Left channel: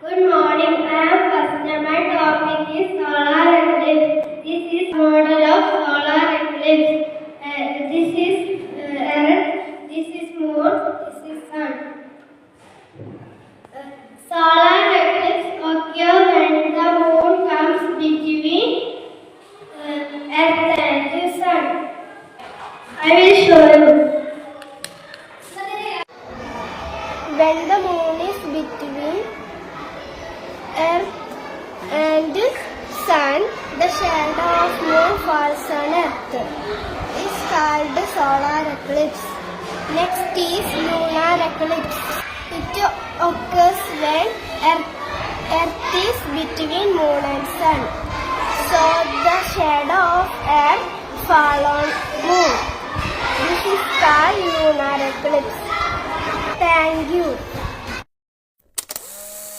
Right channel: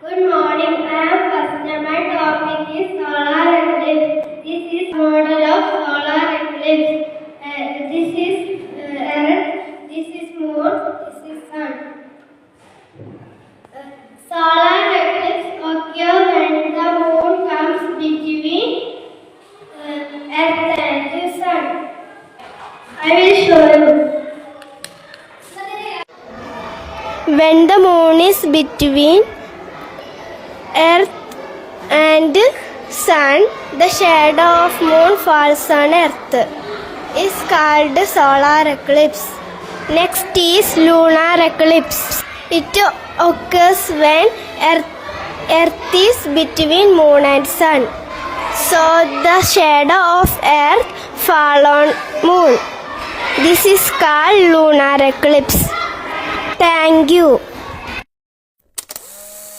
Good morning. I am Fasna. My topic is solar eclipse. This is model of solar eclipse. This is Earth. This is Moon. This is Sun. Solar eclipse occurs when the Moon comes between Earth and the Sun. I will show you. When the moon is between Earth and Sun, the shadow of moon falls on Earth. Is called solar eclipse. Next is lunar eclipse. It occurs when Earth is between moon and sun. So the shadow of Earth fall on moon. This is called lunar eclipse. Thank you.